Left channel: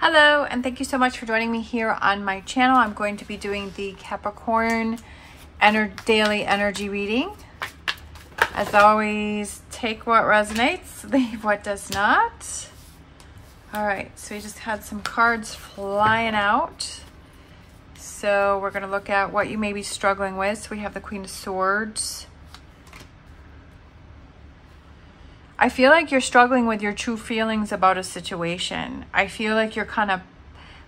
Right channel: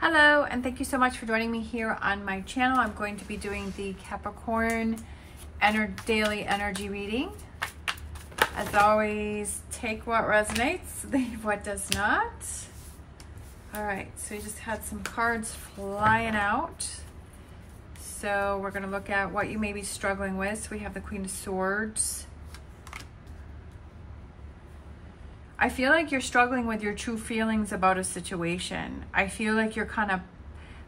Hello, and thank you so much for joining me here on my channel. I'm going to be doing the Capricorn daily energy reading. As always, take what resonates, leave what does not. All right, so we just had some cards flying out. So we're going to look at what you may be struggling with. So we have the Queen of Swords. I feel like you're struggling with your true feelings about a situation. I feel like you're kind of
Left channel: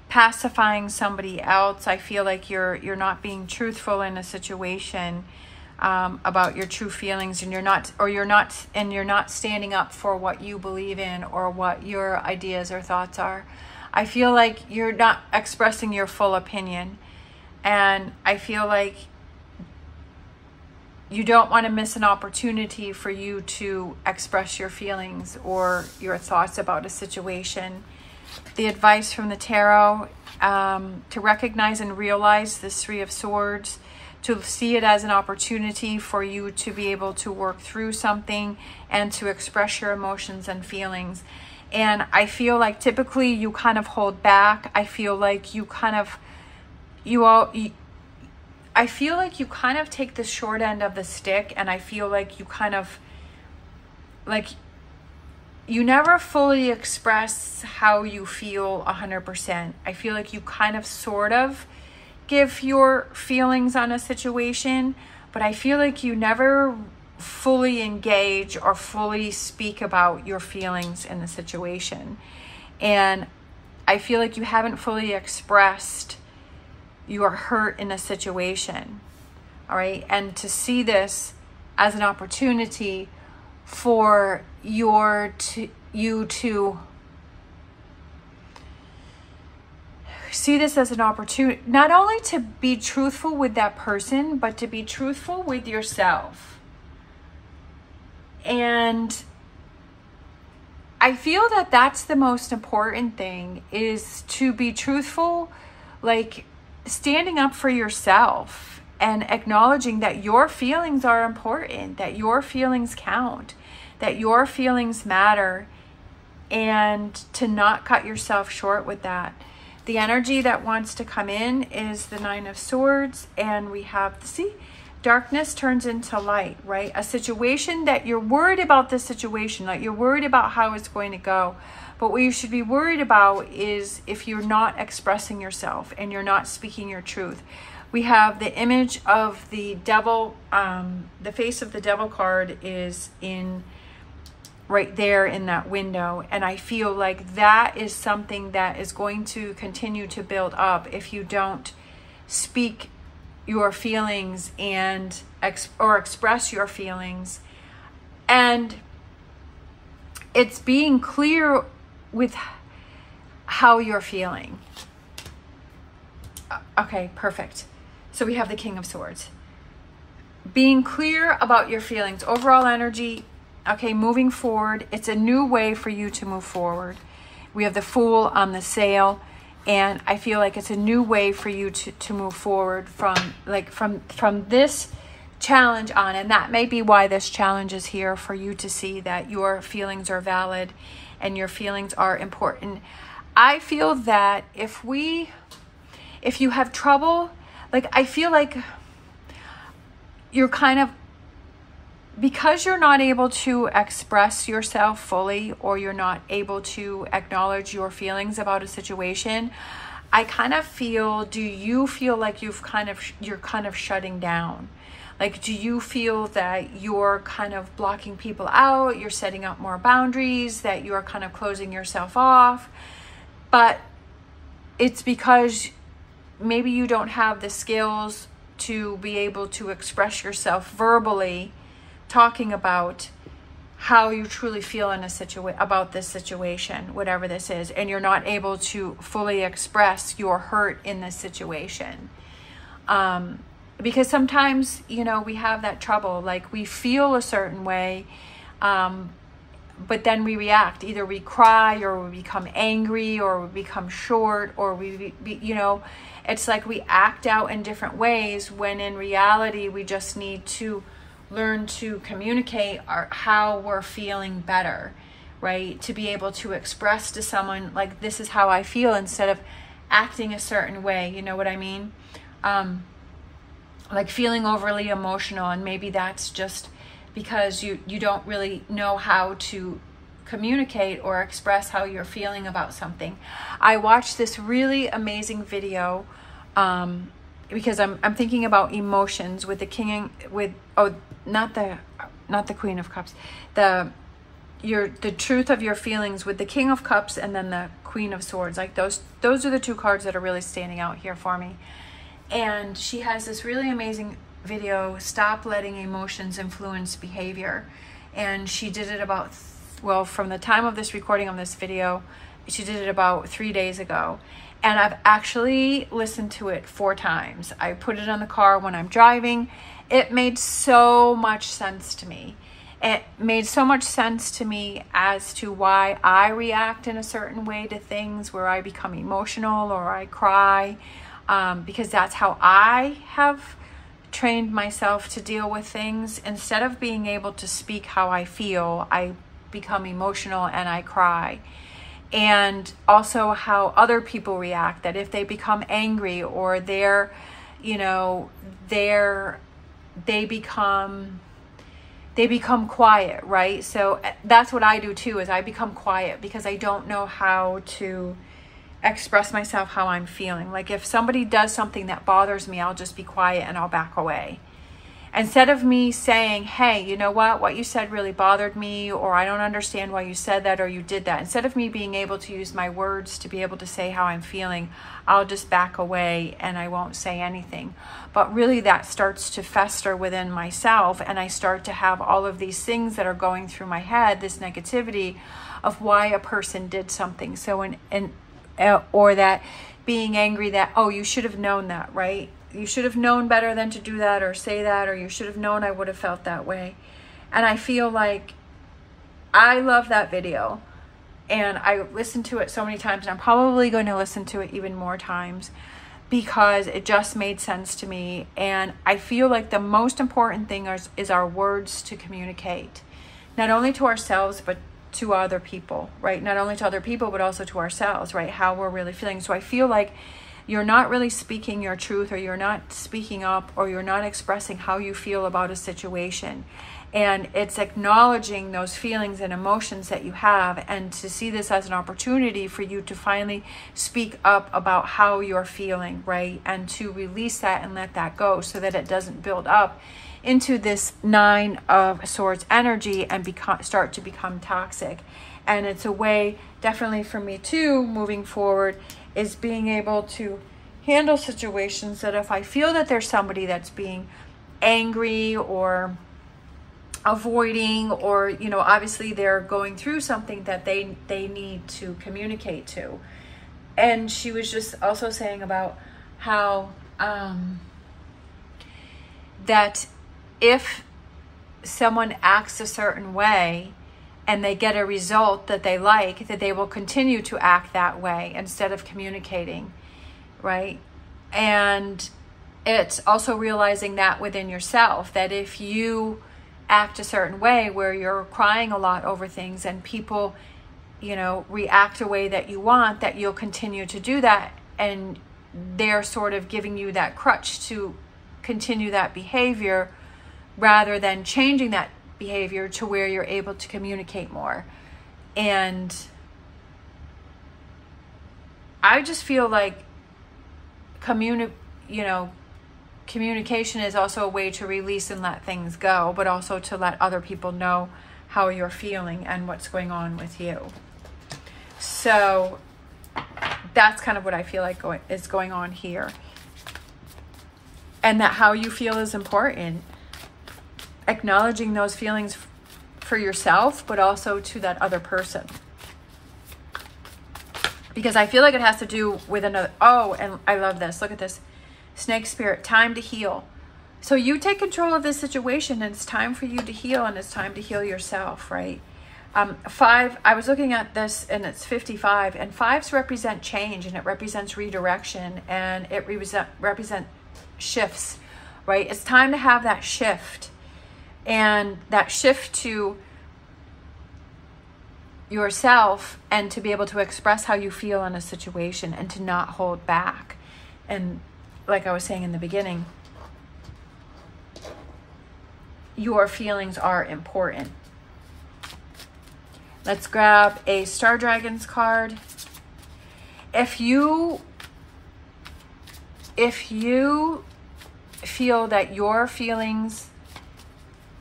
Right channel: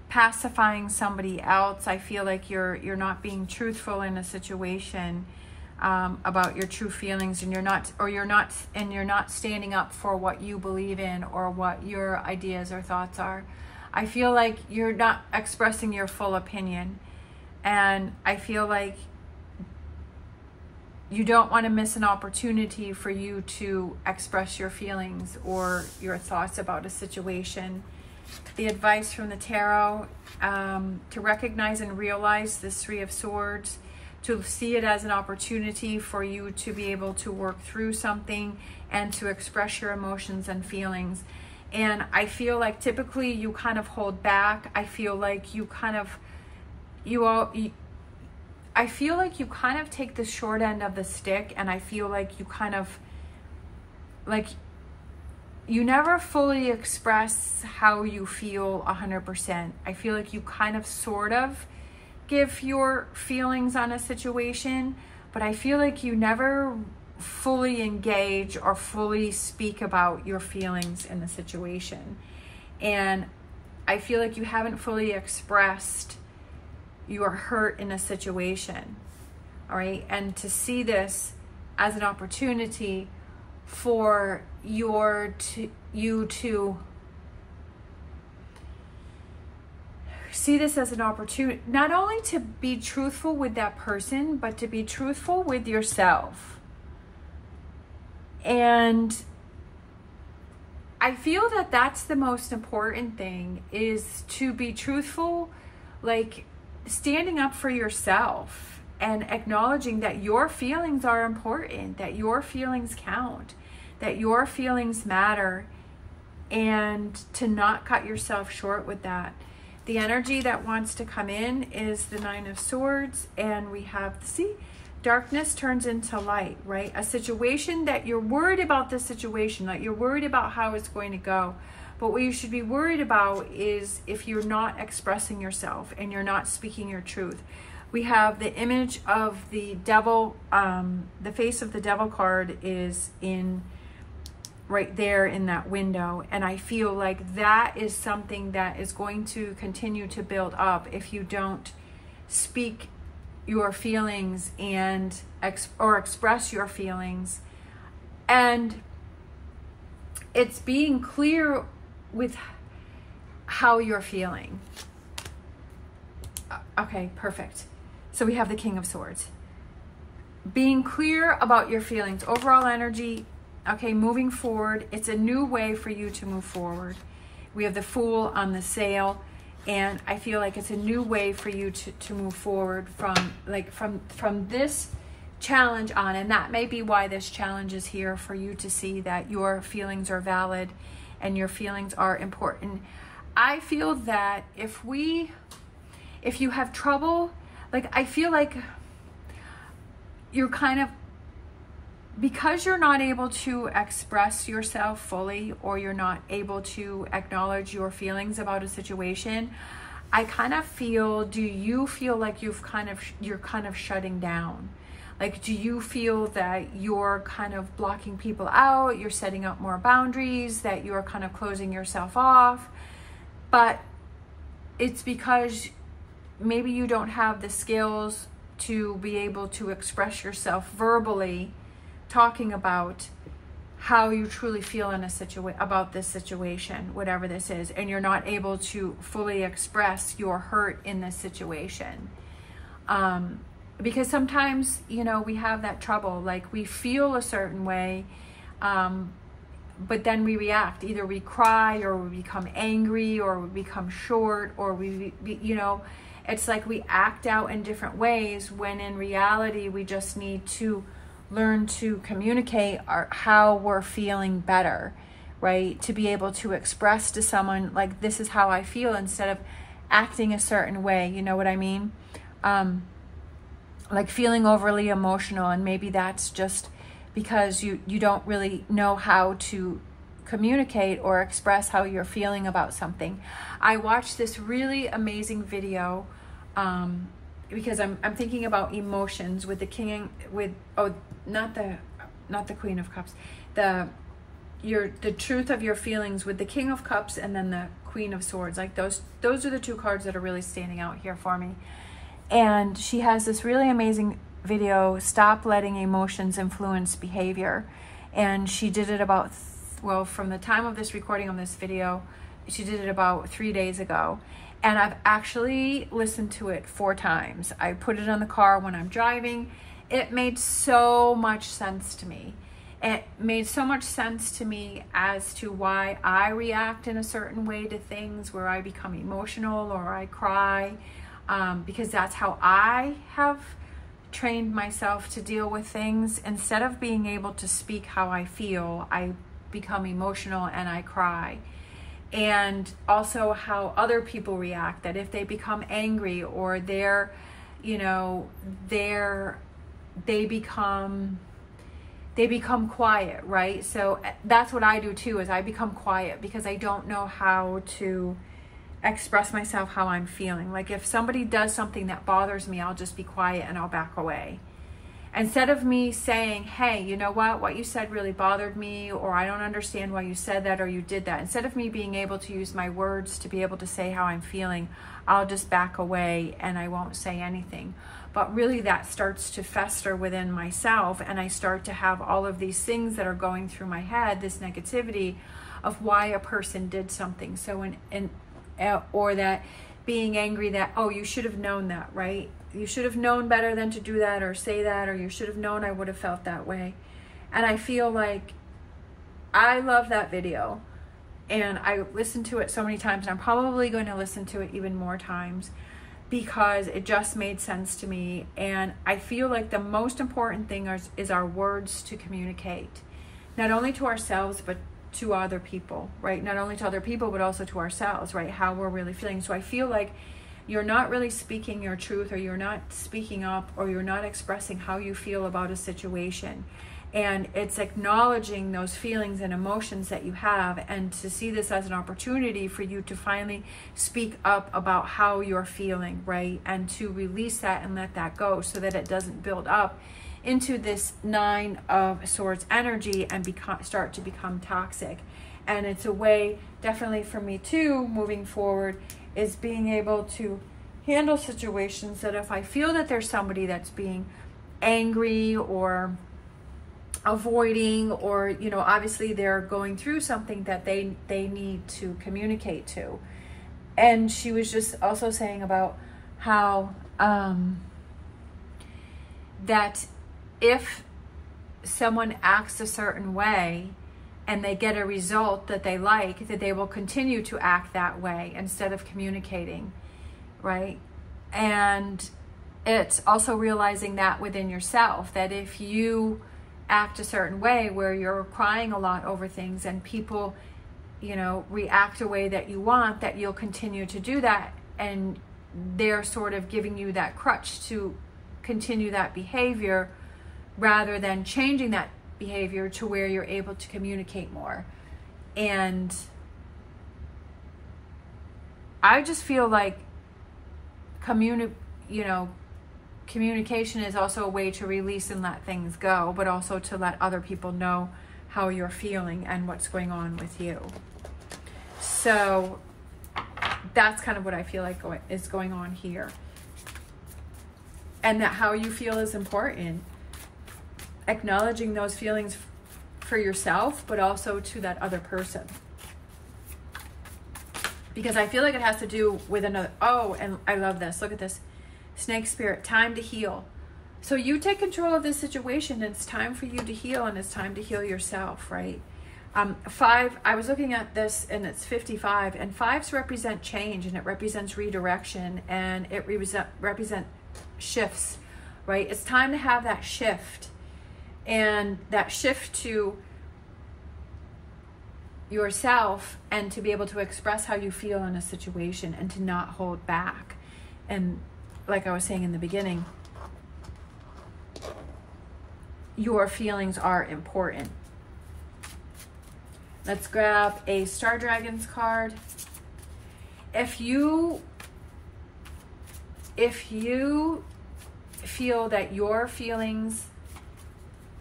pacifying somebody else. I feel like you're not being truthful in a situation about your true feelings, and you're not standing up for what you believe in or what your ideas or thoughts are. I feel like you're not expressing your full opinion, and I feel like you don't want to miss an opportunity for you to express your feelings or your thoughts about a situation. The advice from the tarot, to recognize and realize this Three of Swords, to see it as an opportunity for you to be able to work through something and to express your emotions and feelings. And I feel like typically you kind of hold back. I feel like you kind of, I feel like you kind of take the short end of the stick, and I feel like you kind of, like, you never fully express how you feel 100%. I feel like you kind of sort of give your feelings on a situation, but I feel like you never fully engage or fully speak about your feelings in the situation. And I feel like you haven't fully expressed you are hurt in a situation. All right, and to see this as an opportunity for you to see this as an opportunity not only to be truthful with that person, but to be truthful with yourself. And I feel that that's the most important thing, is to be truthful, like standing up for yourself and acknowledging that your feelings are important, that your feelings count, that your feelings matter, and to not cut yourself short with that. The energy that wants to come in is the Nine of Swords, and we have, see, darkness turns into light, right? A situation that you're worried about, this situation, like you're worried about how it's going to go. But what you should be worried about is if you're not expressing yourself and you're not speaking your truth. We have the image of the devil, the face of the devil card is in right there in that window. And I feel like that is something that is going to continue to build up if you don't speak your feelings and express your feelings. And it's being clear with how you're feeling. Okay, perfect. So we have the King of Swords. Being clear about your feelings, overall energy, okay, moving forward. It's a new way for you to move forward. We have the Fool on the sail, and I feel like it's a new way for you to move forward from this challenge on. And that may be why this challenge is here, for you to see that your feelings are valid and your feelings are important. I feel that if you have trouble, like, I feel like you're kind of, because you're not able to express yourself fully, or you're not able to acknowledge your feelings about a situation, I kind of feel, do you feel like you're kind of shutting down? Like, do you feel that you're kind of blocking people out, you're setting up more boundaries, that you're kind of closing yourself off? But it's because maybe you don't have the skills to be able to express yourself verbally, talking about how you truly feel in about this situation, whatever this is, and you're not able to fully express your hurt in this situation. Because sometimes, you know, we have that trouble, like we feel a certain way, but then we react. Either we cry, or we become angry, or we become short, or you know, it's like we act out in different ways, when in reality, we just need to learn to communicate how we're feeling better, right? To be able to express to someone, like, this is how I feel, instead of acting a certain way. You know what I mean? Like feeling overly emotional, and maybe that's just because you don't really know how to communicate or express how you're feeling about something. I watched this really amazing video because I'm thinking about emotions with the king, with, oh, not the Queen of Cups, the truth of your feelings with the King of Cups, and then the Queen of Swords. Like those are the two cards that are really standing out here for me. And she has this really amazing video, Stop Letting Emotions Influence Behavior. And she did it about, well, from the time of this recording of this video, she did it about 3 days ago. And I've actually listened to it 4 times. I put it on the car when I'm driving. It made so much sense to me. It made so much sense to me as to why I react in a certain way to things, where I become emotional or I cry, because that's how I have trained myself to deal with things. Instead of being able to speak how I feel, I become emotional and I cry. And also how other people react, that if they become angry or they become quiet, right? So that's what I do too, is I become quiet because I don't know how to express myself how I'm feeling. Like if somebody does something that bothers me, I'll just be quiet and I'll back away. Instead of me saying, hey, you know what you said really bothered me, or I don't understand why you said that or you did that. Instead of me being able to use my words to be able to say how I'm feeling, I'll just back away and I won't say anything. But really that starts to fester within myself, and I start to have all of these things that are going through my head, this negativity of why a person did something. So or that being angry that, oh, you should have known that, right? You should have known better than to do that or say that, or you should have known I would have felt that way. And I feel like I love that video, and I listened to it so many times, and I'm probably going to listen to it even more times because it just made sense to me. And I feel like the most important thing is our words to communicate, not only to ourselves, but to other people, right? Not only to other people, but also to ourselves, right? How we're really feeling. So I feel like you're not really speaking your truth, or you're not speaking up, or you're not expressing how you feel about a situation. And it's acknowledging those feelings and emotions that you have, and to see this as an opportunity for you to finally speak up about how you're feeling, right? And to release that and let that go, so that it doesn't build up into this 9 of Swords energy and start to become toxic. And it's a way, definitely for me too, moving forward, is being able to handle situations that if I feel that there's somebody that's being angry or avoiding, or, you know, obviously they're going through something that they need to communicate to. And she was just also saying about how that if someone acts a certain way and they get a result that they like, that they will continue to act that way instead of communicating, right? And it's also realizing that within yourself, that if you act a certain way where you're crying a lot over things and people, you know, react a way that you want, that you'll continue to do that, and they're sort of giving you that crutch to continue that behavior, rather than changing that behavior to where you're able to communicate more. And I just feel like communication is also a way to release and let things go, but also to let other people know how you're feeling and what's going on with you. So that's kind of what I feel like is going on here. And that how you feel is important. Acknowledging those feelings for yourself, but also to that other person. Because I feel like it has to do with another. Oh, and I love this. Look at this. Snake spirit, time to heal. So you take control of this situation, and it's time for you to heal, and it's time to heal yourself, right? 5, I was looking at this, and it's 55, and 5s represent change, and it represents redirection, and it represent shifts, right? It's time to have that shift. And that shift to, yourself and to be able to express how you feel in a situation and to not hold back. And like I was saying in the beginning, your feelings are important. Let's grab a Star Dragons card. If you feel that your feelings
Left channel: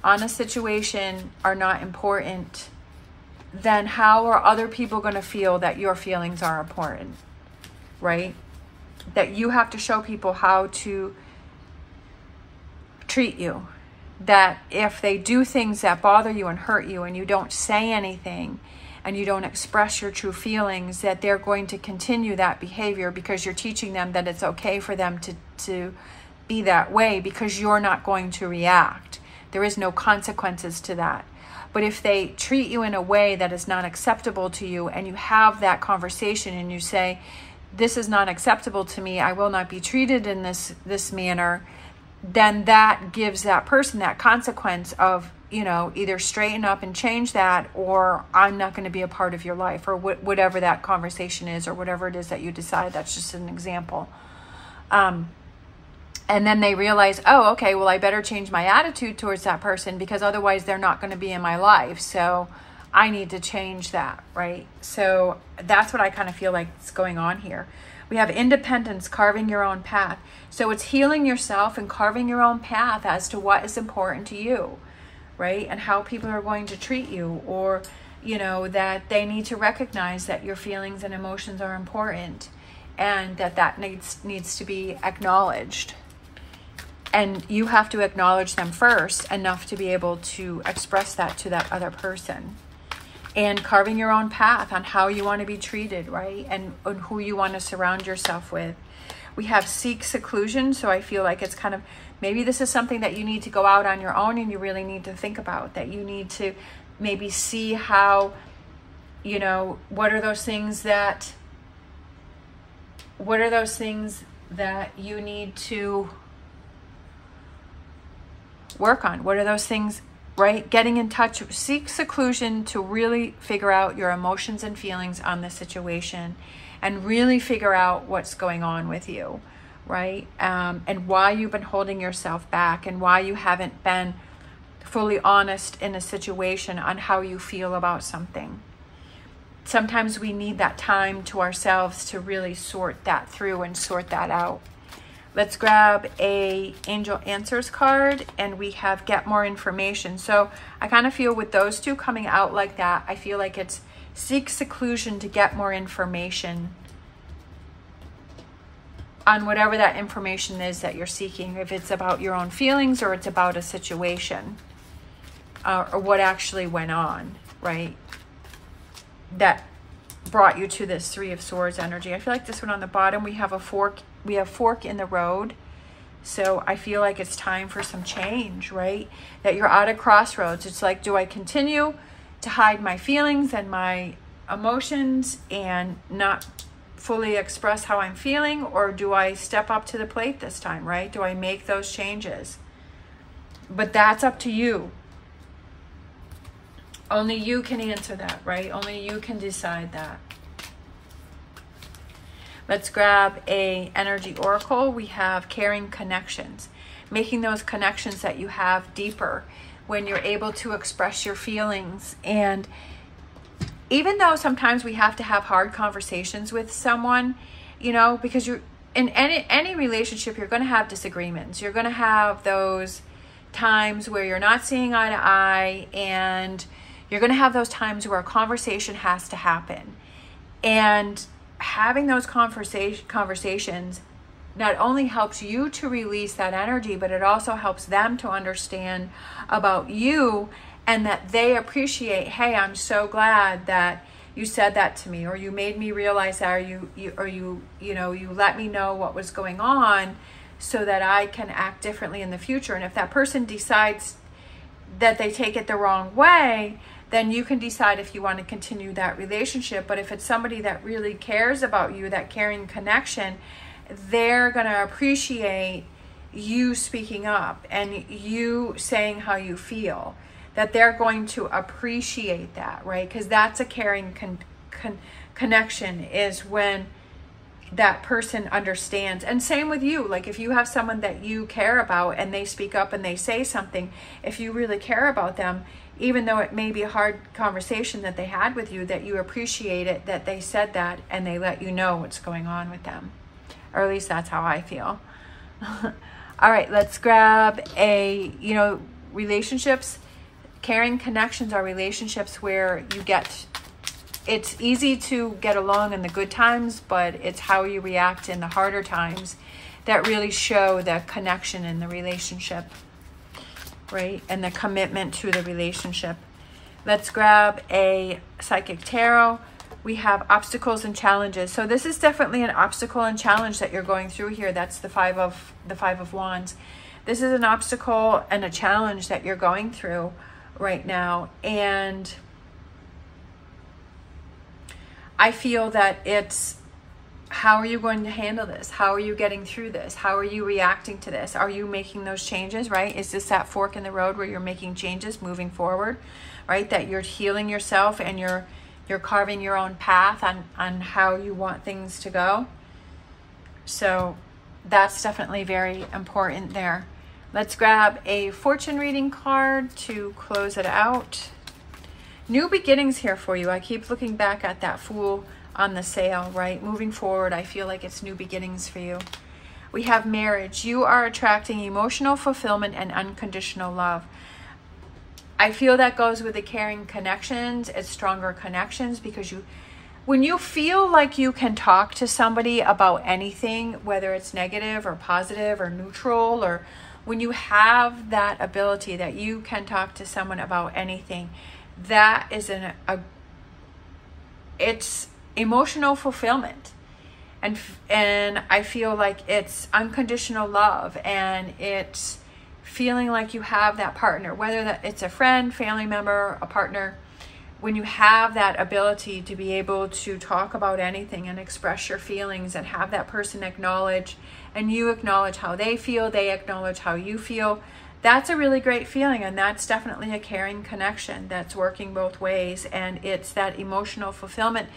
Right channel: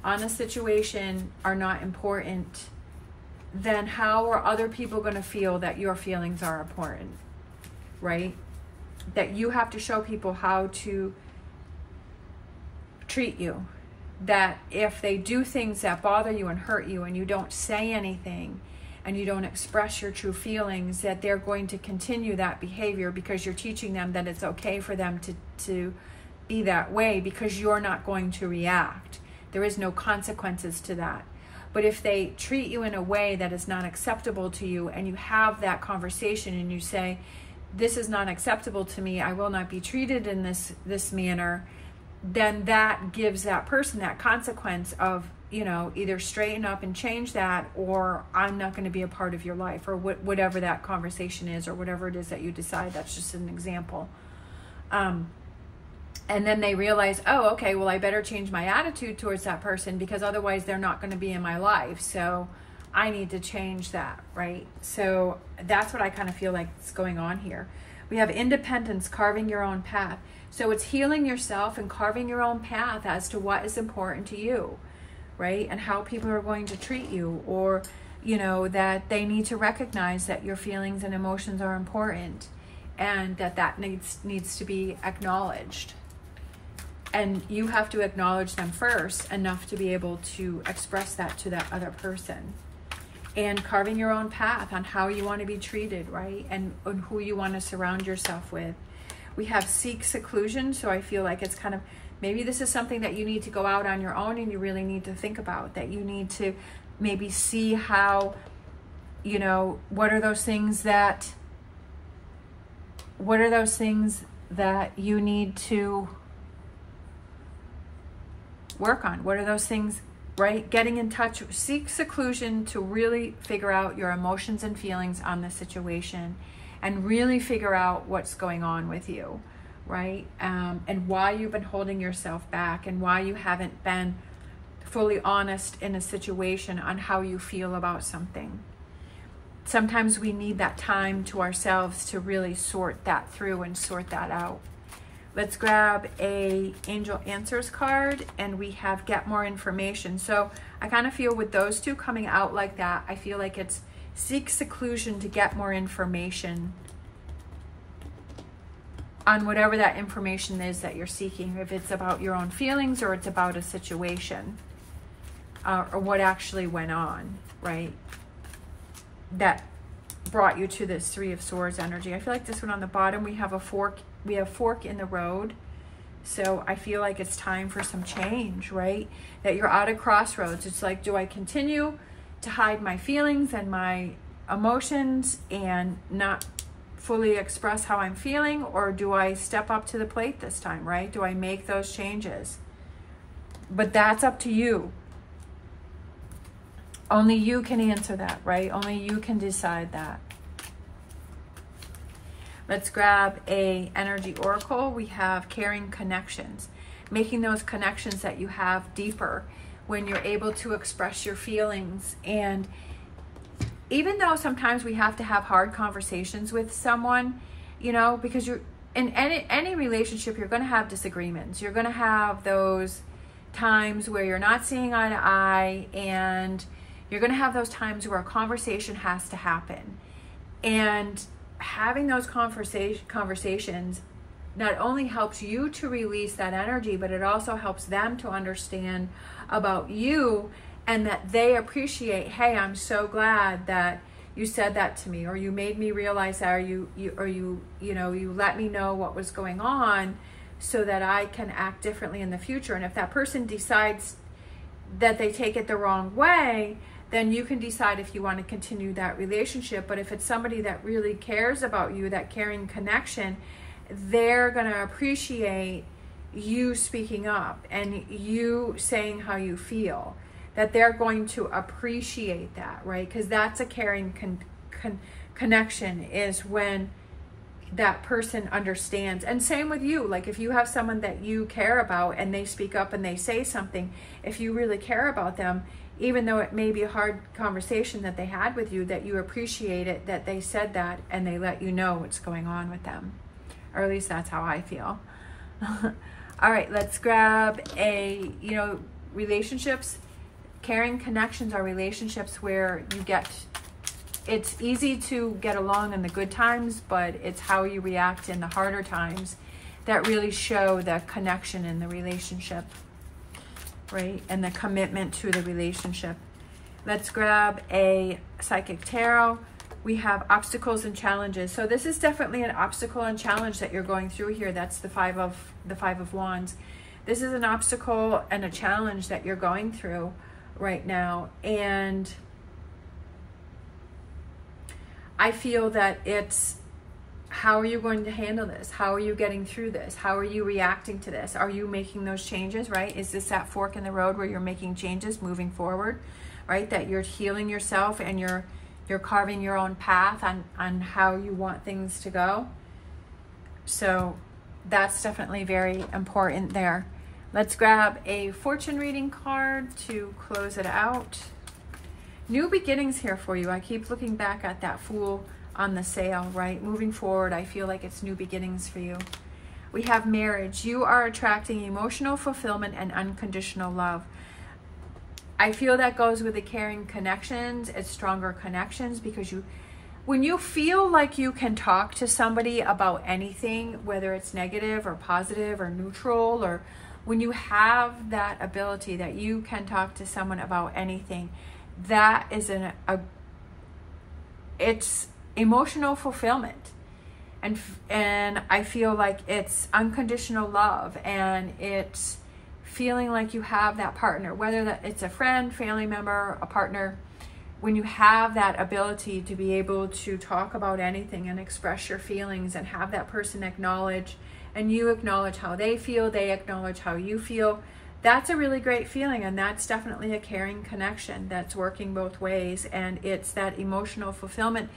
on a situation are not important, then how are other people going to feel that your feelings are important, right? That you have to show people how to treat you. That if they do things that bother you and hurt you and you don't say anything and you don't express your true feelings, that they're going to continue that behavior because you're teaching them that it's okay for them to be that way because you're not going to react. There is no consequences to that. But if they treat you in a way that is not acceptable to you and you have that conversation and you say, this is not acceptable to me, I will not be treated in this manner, then that gives that person that consequence of, you know, either straighten up and change that, or I'm not going to be a part of your life, or whatever that conversation is, or whatever it is that you decide. That's just an example. And then they realize, oh, okay, well, I better change my attitude towards that person because otherwise they're not going to be in my life. So I need to change that, right? So that's what I kind of feel like is going on here. We have independence, carving your own path. So it's healing yourself and carving your own path as to what is important to you, right? And how people are going to treat you, or, you know, that they need to recognize that your feelings and emotions are important and that needs to be acknowledged. And you have to acknowledge them first enough to be able to express that to that other person. And carving your own path on how you want to be treated, right? And who you want to surround yourself with. We have seek seclusion. So I feel like it's kind of, maybe this is something that you need to go out on your own and you really need to think about. That you need to maybe see how, you know, what are those things that you need to work on? What are those things, right? Getting in touch, seek seclusion to really figure out your emotions and feelings on the situation and really figure out what's going on with you, right? And why you've been holding yourself back and why you haven't been fully honest in a situation on how you feel about something. Sometimes we need that time to ourselves to really sort that through and sort that out. Let's grab a Angel Answers card, and we have Get More Information. So I kind of feel with those two coming out like that, I feel like it's seek seclusion to get more information on whatever that information is that you're seeking. If it's about your own feelings or it's about a situation or what actually went on, right? That brought you to this Three of Swords energy. I feel like this one on the bottom, we have a fork. We have fork in the road. So I feel like it's time for some change, right? That you're at a crossroads. It's like, do I continue to hide my feelings and my emotions and not fully express how I'm feeling? Or do I step up to the plate this time, right? Do I make those changes? But that's up to you. Only you can answer that, right? Only you can decide that. Let's grab a energy oracle. We have caring connections, making those connections that you have deeper when you're able to express your feelings. And even though sometimes we have to have hard conversations with someone, you know, because you're in any relationship, you're going to have disagreements. You're going to have those times where you're not seeing eye to eye, and you're going to have those times where a conversation has to happen. And having those conversations not only helps you to release that energy, but it also helps them to understand about you, and that they appreciate, hey, I'm so glad that you said that to me, or you made me realize that, or you let me know what was going on so that I can act differently in the future. And if that person decides that they take it the wrong way, then you can decide if you want to continue that relationship. But if it's somebody that really cares about you, that caring connection, they're going to appreciate you speaking up and you saying how you feel. that they're going to appreciate that, right? Because that's a caring connection, is when that person understands. And same with you. Like if you have someone that you care about and they speak up and they say something, if you really care about them, even though it may be a hard conversation that they had with you, that you appreciate it, that they said that and they let you know what's going on with them. Or at least that's how I feel. All right, let's grab a, relationships. Caring connections are relationships where you get, it's easy to get along in the good times, but it's how you react in the harder times that really show the connection in the relationship, right? And the commitment to the relationship. Let's grab a psychic tarot. We have obstacles and challenges. So this is definitely an obstacle and challenge that you're going through here. That's the Five of Wands. This is an obstacle and a challenge that you're going through right now. And I feel that it's, how are you going to handle this? How are you getting through this? How are you reacting to this? Are you making those changes, right? Is this that fork in the road where you're making changes moving forward, right? That you're healing yourself and you're carving your own path on how you want things to go. So that's definitely very important there. Let's grab a fortune reading card to close it out. New beginnings here for you. I keep looking back at that Fool on the sail, right? Moving forward, I feel like it's new beginnings for you. We have marriage. You are attracting emotional fulfillment and unconditional love. I feel that goes with the caring connections. It's stronger connections because when you feel like you can talk to somebody about anything, whether it's negative or positive or neutral, or when you have that ability that you can talk to someone about anything, that is it's emotional fulfillment. And I feel like it's unconditional love, and it's feeling like you have that partner, whether that it's a friend, family member, a partner. When you have that ability to be able to talk about anything and express your feelings and have that person acknowledge, and you acknowledge how they feel, they acknowledge how you feel, that's a really great feeling. And that's definitely a caring connection that's working both ways. And it's that emotional fulfillment.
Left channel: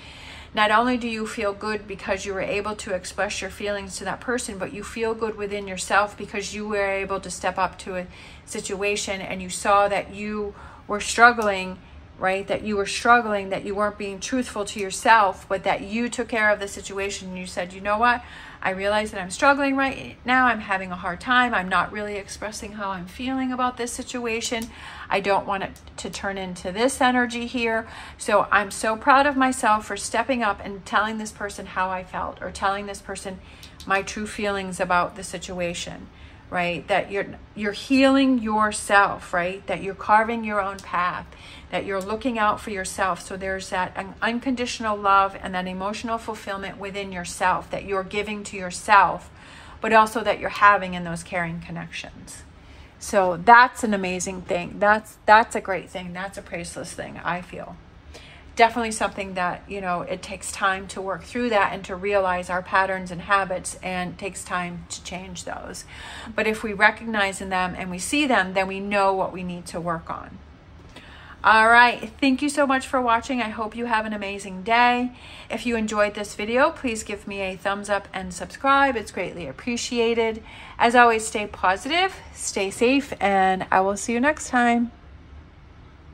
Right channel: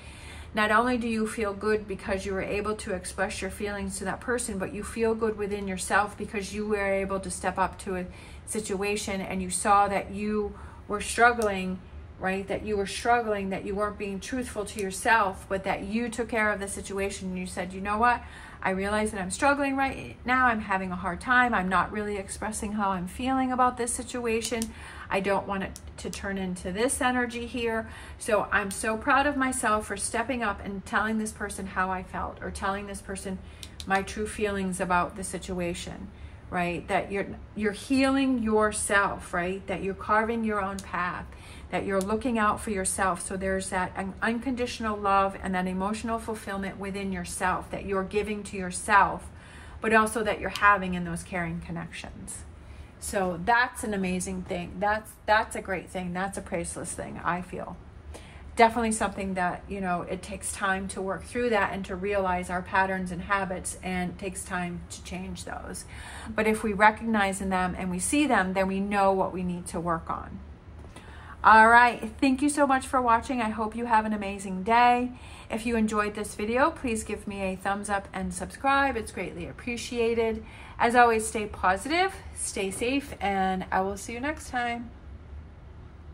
Not only do you feel good because you were able to express your feelings to that person, but you feel good within yourself because you were able to step up to a situation and you saw that you were struggling, right? That you were struggling, that you weren't being truthful to yourself, but that you took care of the situation. And you said, you know what? I realize that I'm struggling right now. I'm having a hard time. I'm not really expressing how I'm feeling about this situation. I don't want it to turn into this energy here. So I'm so proud of myself for stepping up and telling this person how I felt, or telling this person my true feelings about the situation, right? That you're healing yourself, right? That you're carving your own path, that you're looking out for yourself. So there's that unconditional love and that emotional fulfillment within yourself that you're giving to yourself, but also that you're having in those caring connections. So that's an amazing thing. That's a great thing. That's a priceless thing, I feel. Definitely something that, it takes time to work through that and to realize our patterns and habits, and it takes time to change those. But if we recognize in them and we see them, then we know what we need to work on. All right. Thank you so much for watching. I hope you have an amazing day. If you enjoyed this video, please give me a thumbs up and subscribe. It's greatly appreciated. As always, stay positive, stay safe, and I will see you next time.